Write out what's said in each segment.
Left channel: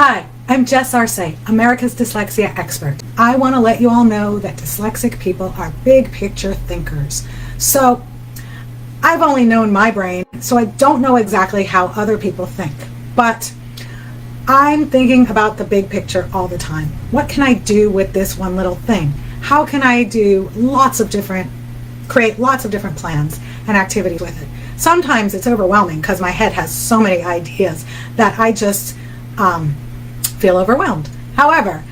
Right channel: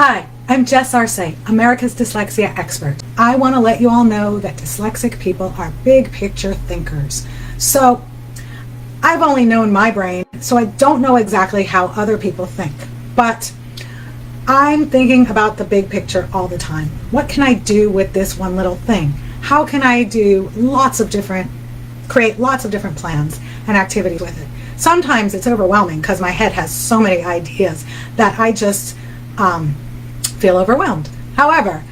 Hi, I'm Jess Arce, America's dyslexia expert. I want to let you all know that dyslexic people are big picture thinkers. So I've only known my brain, so I don't know exactly how other people think. But I'm thinking about the big picture all the time. What can I do with this one little thing? How can I do create lots of different plans and activities with it? Sometimes it's overwhelming because my head has so many ideas that I just feel overwhelmed. However,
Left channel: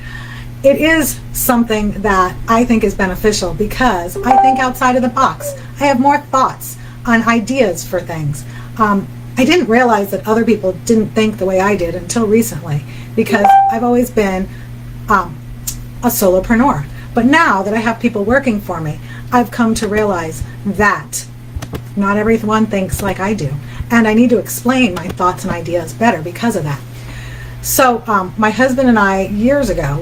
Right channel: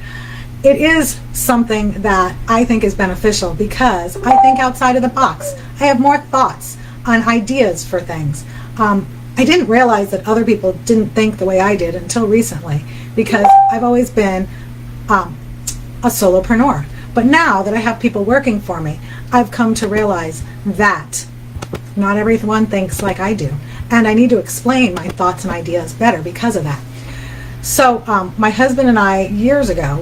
it is something that I think is beneficial because I think outside of the box. I have more thoughts on ideas for things. I didn't realize that other people didn't think the way I did until recently because I've always been a solopreneur. But now that I have people working for me, I've come to realize that not everyone thinks like I do. And I need to explain my thoughts and ideas better because of that. So my husband and I, years ago,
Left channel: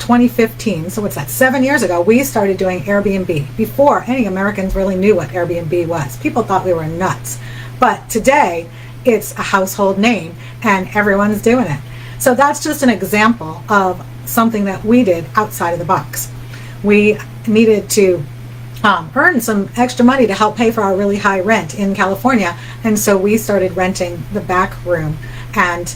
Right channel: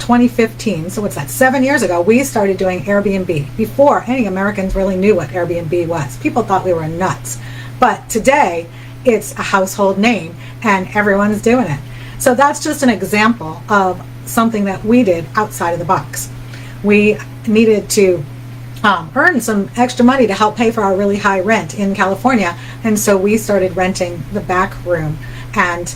2015, so what's that, 7 years ago, we started doing Airbnb before any Americans really knew what Airbnb was. People thought we were nuts. But today, it's a household name and everyone is doing it. So that's just an example of something that we did outside of the box. We needed to earn some extra money to help pay for our really high rent in California. And so we started renting the back room. And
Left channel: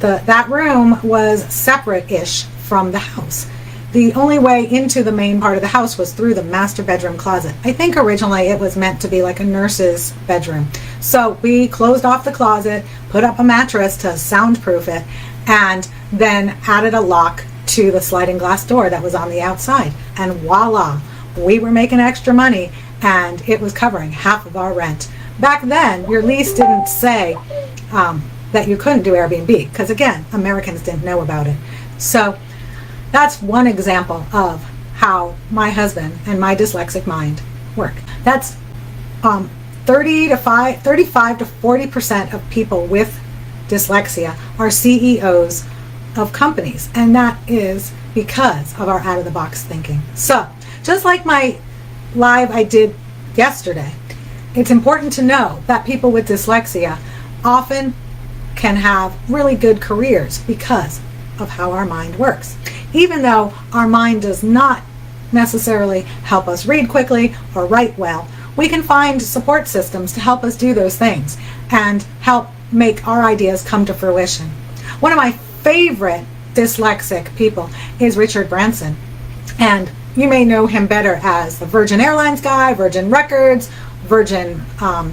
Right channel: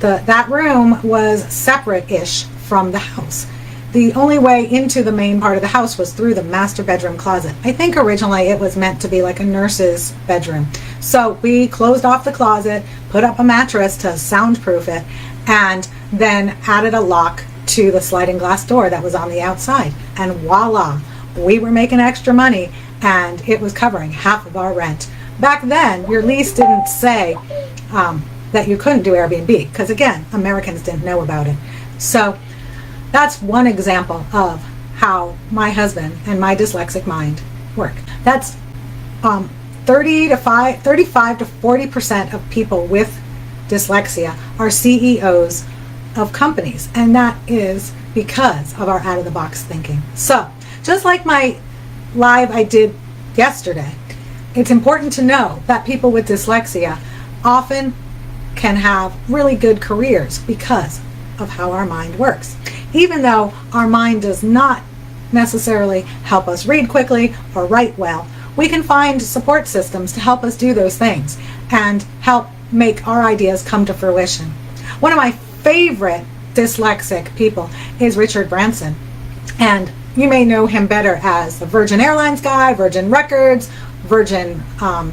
that room was separate-ish from the house. The only way into the main part of the house was through the master bedroom closet. I think originally it was meant to be like a nurse's bedroom. So we closed off the closet, put up a mattress to soundproof it, and then added a lock to the sliding glass door that was on the outside. And voila, we were making extra money and it was covering half of our rent. Back then, your lease didn't say that you couldn't do Airbnb because, again, Americans didn't know about it. So that's one example of how my husband and my dyslexic mind work. That's 35 to 40% of people with dyslexia are CEOs of companies, and that is because of our out-of-the-box thinking. So just like my live I did yesterday, it's important to know that people with dyslexia often can have really good careers because of how our mind works. Even though our mind does not necessarily help us read quickly or write well, we can find support systems to help us do those things and help make our ideas come to fruition. One of my favorite dyslexic people is Richard Branson, and you may know him better as the Virgin Airlines guy, Virgin Records, Virgin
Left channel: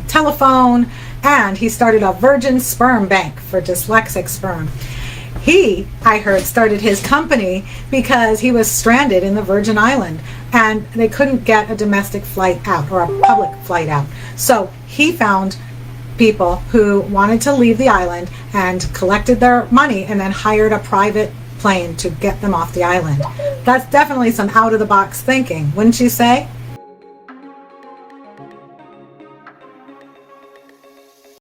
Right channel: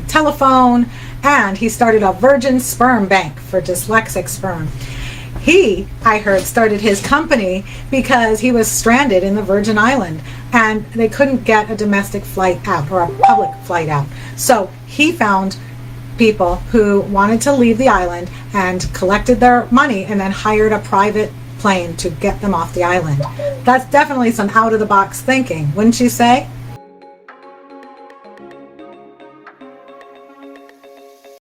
Telephone, and he started a Virgin Sperm Bank for dyslexic sperm. He, I heard, started his company because he was stranded in the Virgin Island and they couldn't get a domestic flight out or a public flight out. So he found people who wanted to leave the island and collected their money and then hired a private plane to get them off the island. That's definitely some out-of-the-box thinking, wouldn't you say?